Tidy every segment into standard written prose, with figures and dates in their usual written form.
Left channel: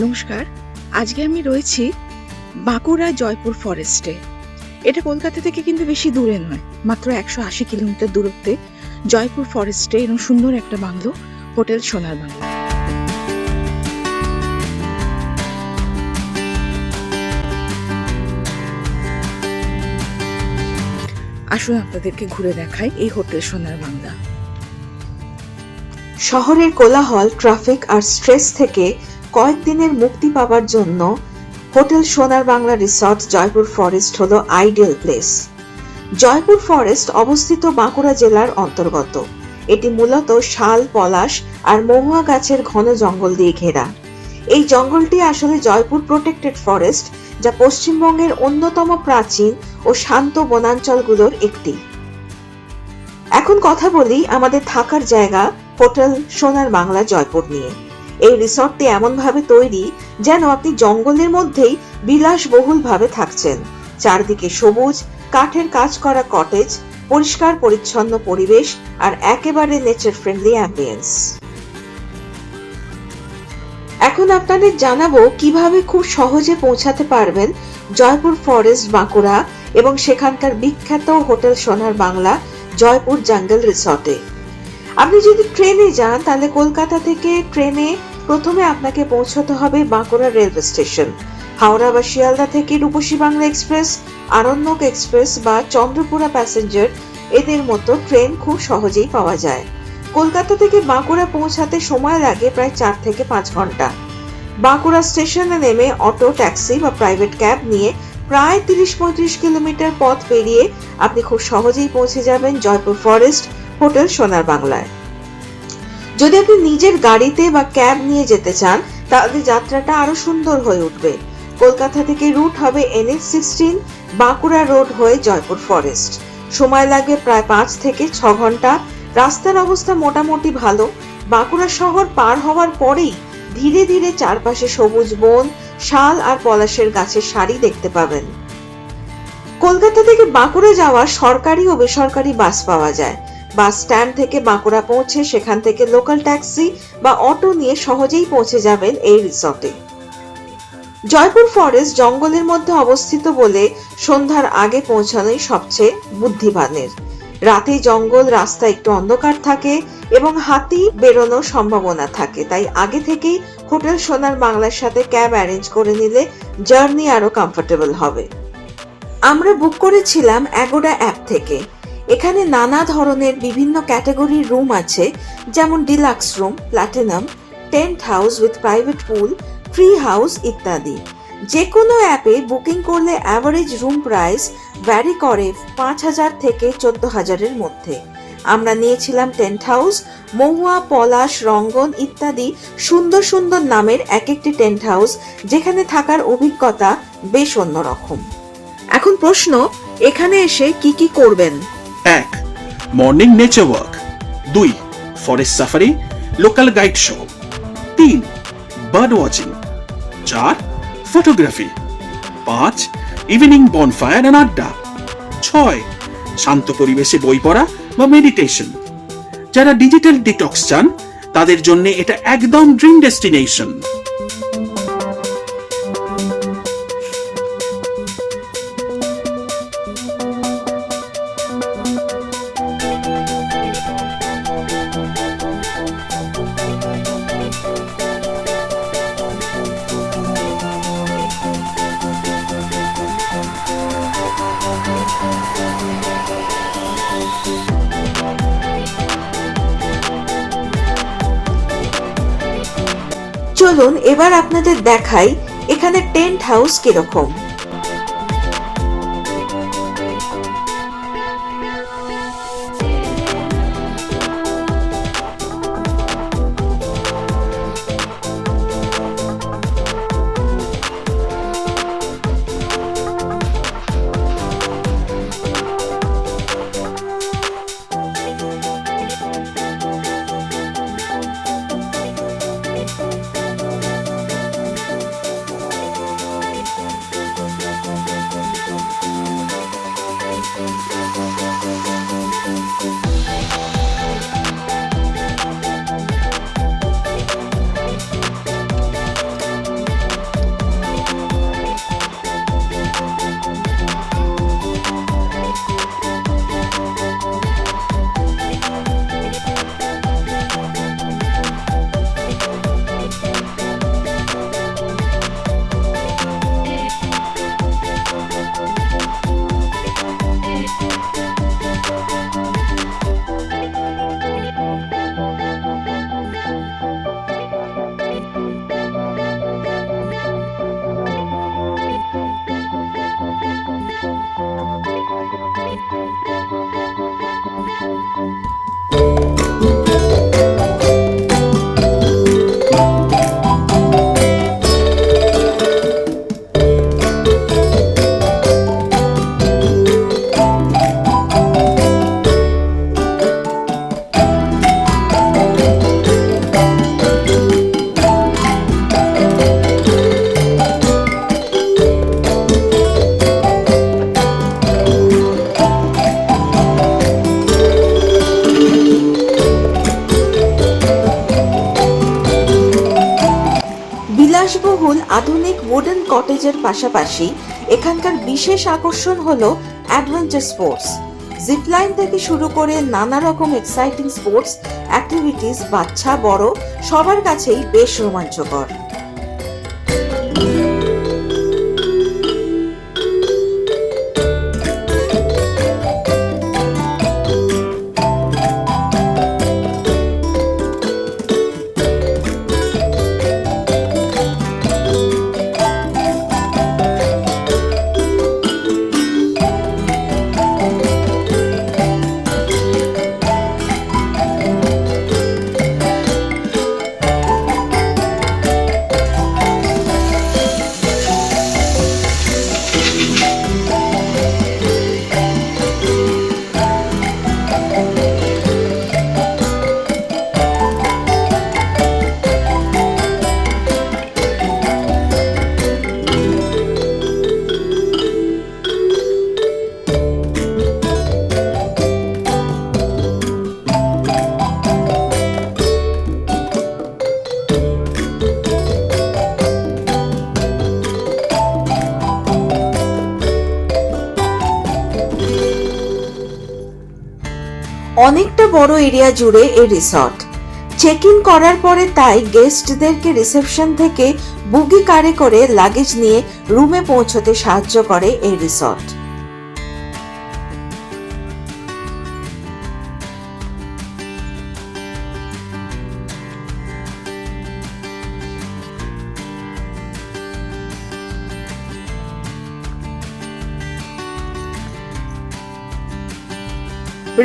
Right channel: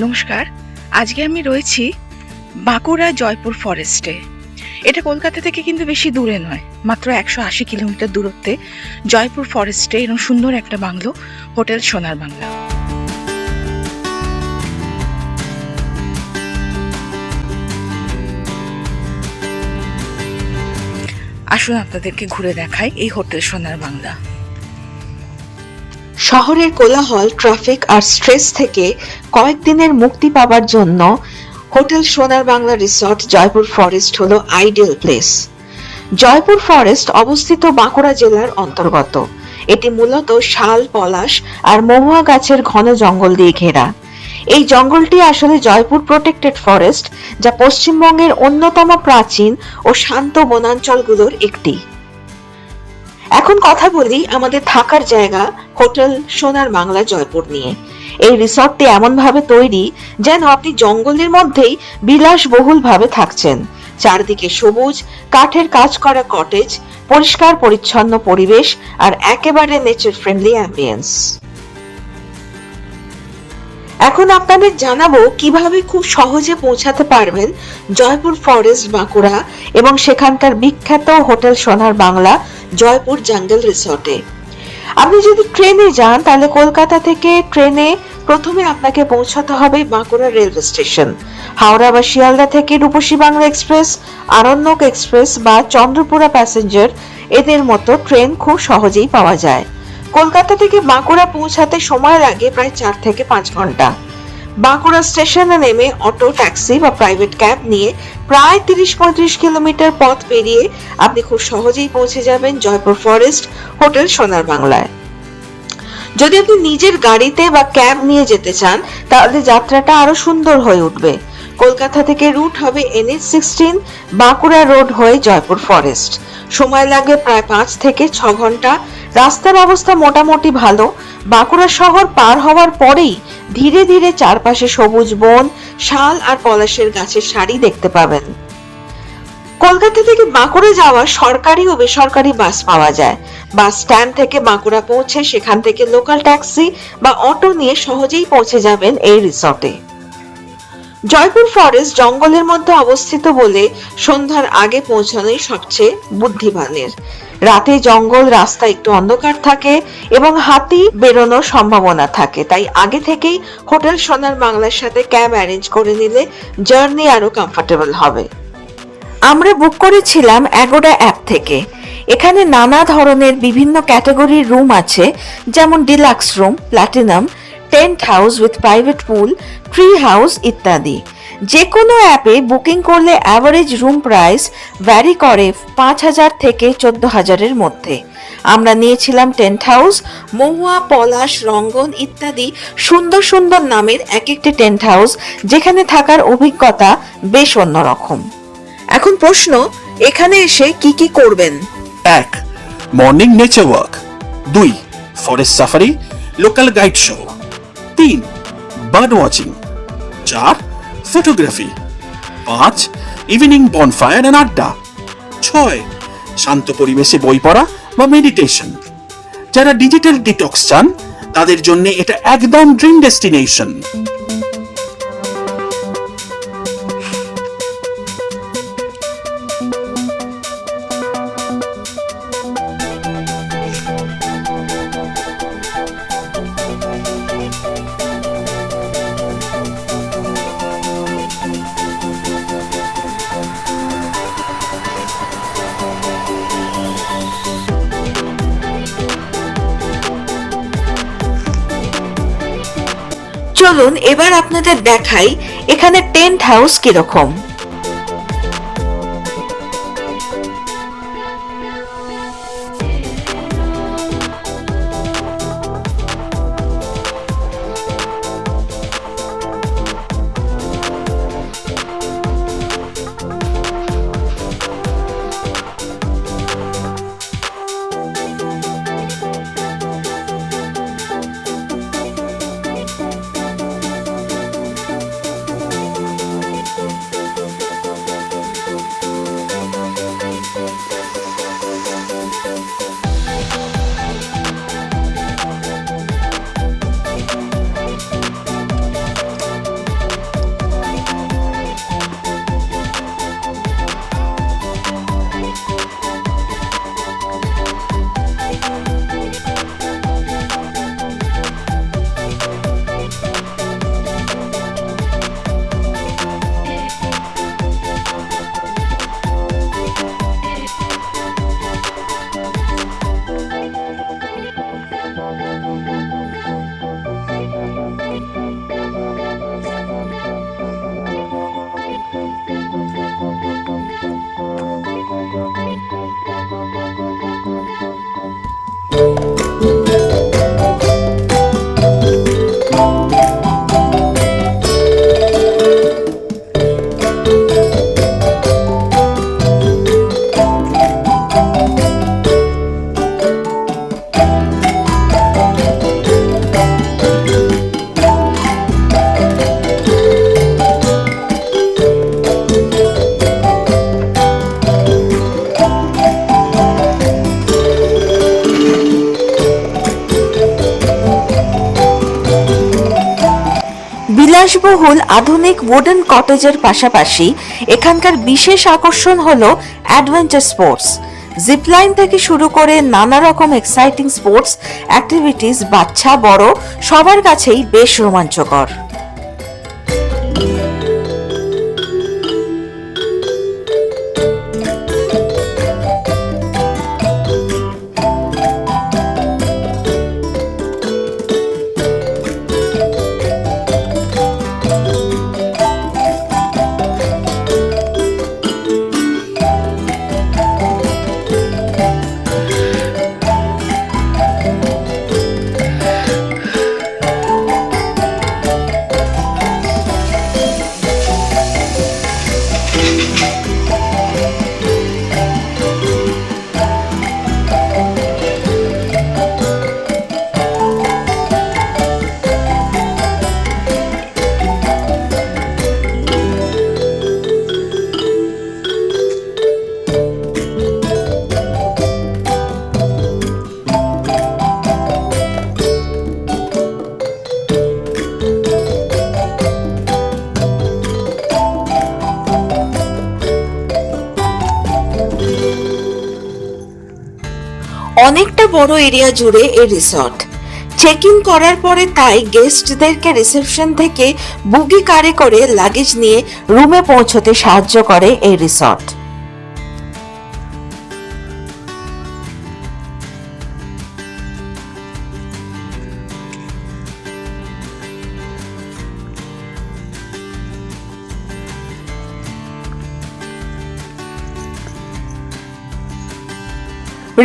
নমস্কার। আজকে আমি রয়েছি বাঁকুড়া জয়পুর ফরেস্টে। এটা কলকাতা থেকে কিন্তু বেশি দূরে নয়, মাত্র ১৮০ কিলোমিটার দূরত্বে জয়পুর ফরেস্টে এরকম সুন্দর একটা বাংলো, হোটেল সোনার বাংলা। আসুন আপনাদেরকে ঘুরে দেখাই এই হোটেল সোনার বাংলা। শহরের কোলাহল, ট্রাফিক আর স্ট্রেস থেকে কয়েকদিনের মুক্তি পাওয়ার জন্য হোটেল সোনার বাংলা রিসর্ট জয়পুর ফরেস্ট হলো আইডিয়াল প্লেস। জয়পুর ফরেস্ট অবস্থিত বাঁকুড়া জেলার অন্তর্গত। এটি মূলত শাল, পলাশ আর মহুয়া গাছের ঘন জঙ্গল দিয়ে ঘেরা। এই জঙ্গলটি আসলে জয়পুর প্রোটেক্টেড ফরেস্ট, যা পশ্চিমবঙ্গের অন্যতম প্রাচীন ও শান্ত বনাঞ্চলগুলোর একটি। এখন কথা বলি আমাদের থাকার জায়গা হোটেল সোনার বাংলা জয়পুর নিয়ে। এই রিসর্টটি এমন ভাবে তৈরি যেন আপনি জঙ্গলের মধ্যেই বিলাসবহুল ভাবে থাকছেন। চারদিকে সবুজ, কাঠের কাজ করা কটেজ, পরিষ্কার পরিচ্ছন্ন পরিবেশ আর একেবারে নেচার ফ্রেন্ডলি অ্যাম্বিয়েন্স। এখন আপনাদের জানাবো কিভাবে খুব সহজে পৌঁছাতে পারবেন জয়পুর ফরেস্ট বাঁকুড়া এবং সেখানকার বিখ্যাত হোটেল সোনার বাংলা জয়পুর জঙ্গল রিসর্টে। আপনি যদি ট্রেনে যান তাহলে কলকাতা থেকে ট্রেনে প্রথমে আপনাকে পৌঁছাতে হবে বাঁকুড়া রেলওয়ে স্টেশন। হাওড়া বা শিয়ালদা থেকে রূপসী বাংলা এক্সপ্রেস, আরণ্যক এক্সপ্রেস বা চন্দ্রপুরা প্যাসেঞ্জার এদের মতো ট্রেন খুব সহজেই পাওয়া যায়। কলকাতা থেকে বাঁকুড়া পৌঁছাতে সময় লাগে প্রায় 4 থেকে 5 ঘন্টা। বাঁকুড়া স্টেশনে নেমে অটো, ট্যাক্সি বা প্রাইভেট ক্যাব নিয়ে প্রায় 30-35 কিলোমিটার পথ পেরিয়ে আপনি খুব সহজেই পৌঁছে যাবেন জয়পুর ফরেস্ট হোটেল সোনার বাংলায়। যদি আপনি নিজের গাড়িতে বা ক্যাব নিয়ে যেতে চান তাহলে যাত্রাটা আরো সুন্দর হয়ে উঠবে। কলকাতা থেকে রুট হবে NH-16 বাঁকুড়া রোড হয়ে জয়পুর ফরেস্ট। সময় লাগে প্রায় 5 থেকে 6 ঘন্টা। রাস্তার অবস্থা মোটামুটি ভালো। বাঁকুড়া শহর পার হওয়ার পরেই ধীরে ধীরে চারপাশে সবুজ বন, শাল আর পলাশের গাছের সারি দেখতে পাবেন। কলকাতা থেকে বাঁকুড়া যাওয়া সরকারি ও বেসরকারি বাস পাওয়া যায়। বাস স্ট্যান্ড থেকে বাঁকুড়া পৌঁছে সেখান থেকে লোকাল ট্যাক্সি বা অটো নিয়ে সহজেই পৌঁছে যাবেন এই রিসর্টে। জয়পুর ফরেস্ট জঙ্গলের মধ্যে অবস্থিত বলে সন্ধ্যার আগে পৌঁছানোই সবচেয়ে বুদ্ধিমানের। রাতে জঙ্গল রাস্তা একটু অন্ধকার থাকে এবং হাতি বেরোনোর সম্ভাবনা থাকে, তাই আগে থেকেই হোটেল সোনার বাংলার সাথে ক্যাব অ্যারেঞ্জ করে নিলে জার্নি আরো কমফোর্টেবল হবে। আমরা বুক করেছিলাম অ্যাগোডা অ্যাপ থেকে। এখানে নানা ধরনের বিভিন্ন ক্যাটাগরির রুম আছে, যেমন deluxe room, platinum, tent house with private pool, tree house ইত্যাদি। যে কোনো অ্যাপে বুকিং করলে অ্যাভারেজ রুম প্রাইস ভ্যারি করে 5,000 থেকে 14,000-এর মধ্যে। আমরা নিয়েছিলাম টেন্ট হাউস। মহুয়া, পলাশ, রঙ্গন ইত্যাদি সুন্দর সুন্দর নামের এক একটি টেন্ট হাউস, যেখানে থাকার অভিজ্ঞতা বেশ অন্যরকম। এখন প্রশ্ন, এখানে এসে কি কি করবেন? 1. Morning nature walk. 2. Forest safari, local guide show. 3. Bird watching. 4. Photography. 5. Evening bonfire and আড্ডা। 6. শান্ত পরিবেশে বই পড়া বা মেডিটেশন। যারা ডিজিটাল ডিটক্স চান তাদের জন্য এটা একদম ড্রিম ডেস্টিনেশন। চলুন এবার আপনাদের দেখাই এখানে টেন্ট হাউস কিরকম। বিলাসবহুল আধুনিক উডেন কটেজের পাশাপাশি এখানকার বিশেষ আকর্ষণ হলো অ্যাডভেঞ্চার স্পোর্টস। জিপলাইন থেকে শুরু করে নানা রকম এক্সাইটিং স্পোর্টস অ্যাক্টিভিটিস বাচ্চা বড় সবার কাছেই বেশ রোমাঞ্চকর। অনেকটা বড় এরিয়া জুড়ে এই রিসর্ট। চেক ইন করার পরে তাই গেস্টদেরকে রিসেপশন থেকে বুগি কারে করে লাগেজ নিয়ে রুমে পৌঁছতে সাহায্য করে এই রিসর্ট।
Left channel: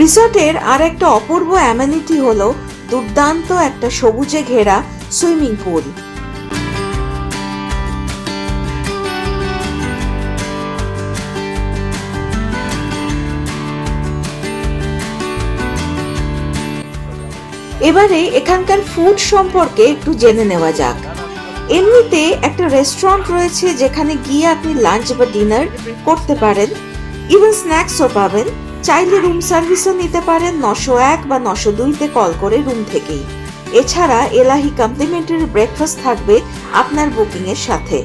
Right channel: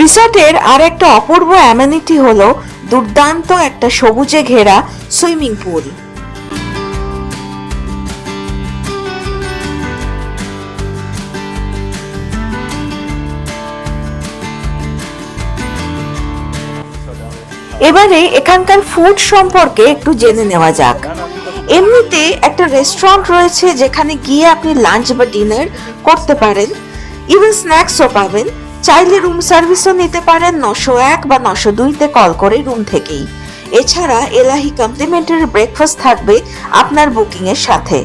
রিসর্টের আর একটা অপূর্ব অ্যামেনিটি হলো দুর্দান্ত একটা সবুজে ঘেরা সুইমিং পুল। এবারে এখানকার ফুড সম্পর্কে একটু জেনে নেওয়া যাক। এমনিতে একটা রেস্টুরেন্ট রয়েছে যেখানে গিয়ে আপনি লাঞ্চ বা ডিনার করতে পারেন, ইভেন স্ন্যাক্সও পাবেন। চাইলে রুম সার্ভিসও নিতে পারেন 901 বা 902-তে কল করে রুম থেকেই। এছাড়া এলাহি কমপ্লিমেন্টারি ব্রেকফাস্ট থাকবে আপনার বুকিং এর সাথে।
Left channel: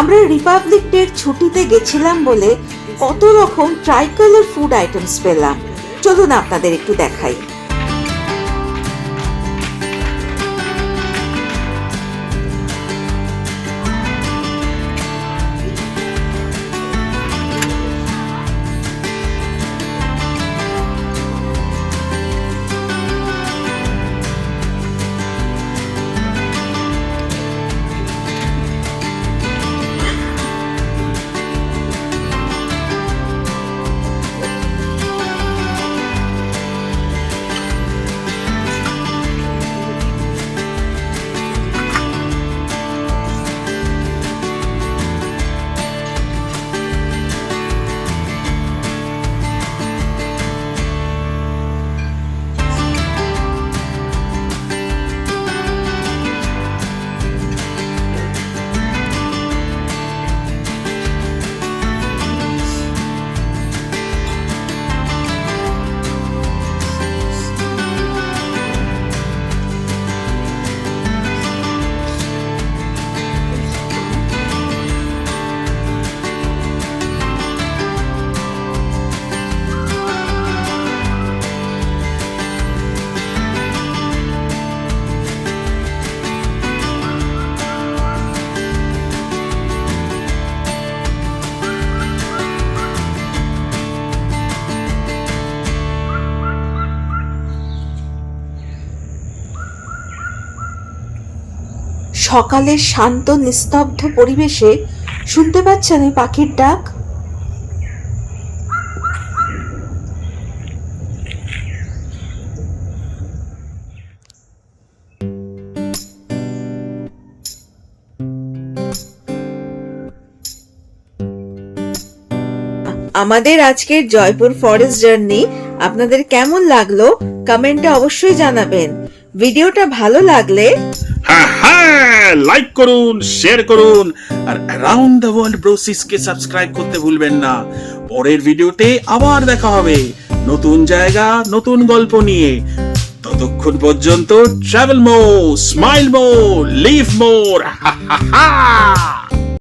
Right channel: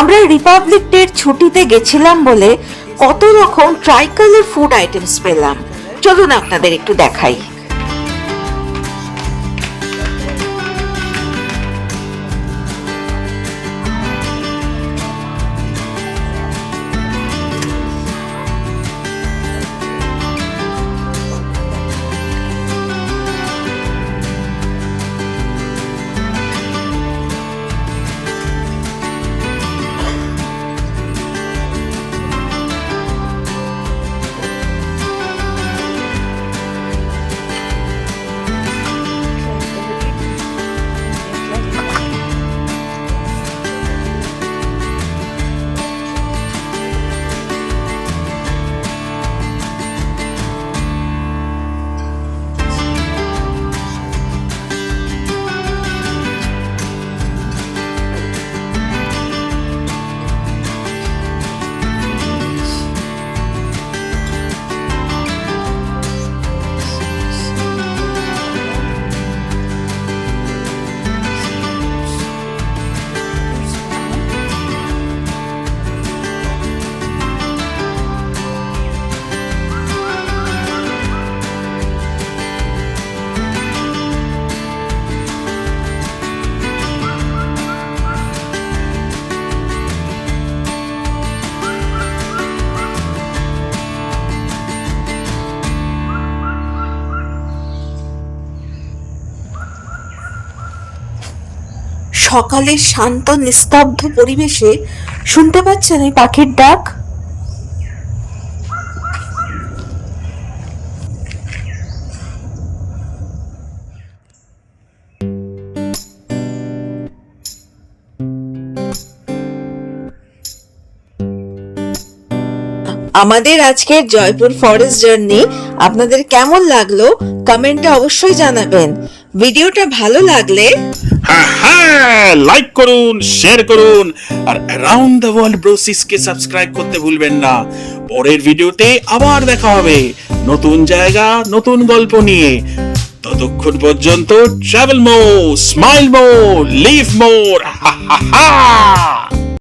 আমরা রিপাবলিক ডের ছুটিতে গেছিলাম বলে কত রকম ট্রাইকালার ফুড আইটেমস পেলাম, চলুন আপনাদের একটু দেখাই। সকালের শান্ত নিস্তব্ধ পরিবেশে শুনতে পাচ্ছেন এই পাখির ডাক। আমাদের আজকের জয়পুর ফরেস্ট জার্নি আপনাদের কেমন লাগলো কমেন্টে অবশ্যই জানাবেন। ভিডিওটা ভালো লাগলে হ্যাঁ, লাইক করুন, শেয়ার করুন, আর অ্যারাউন্ড দ্য ওয়ার্ল্ড ব্রোসিসকে সাবস্ক্রাইব করতে ভুলবেন না। পরের ভিডিওতে আবার দেখা হবে নতুন জায়গা, নতুন গল্প নিয়ে। ততক্ষণ পর্যন্ত ট্রাভেল মোর, স্মাইল মোর, লিভ মোর। হা হা হা।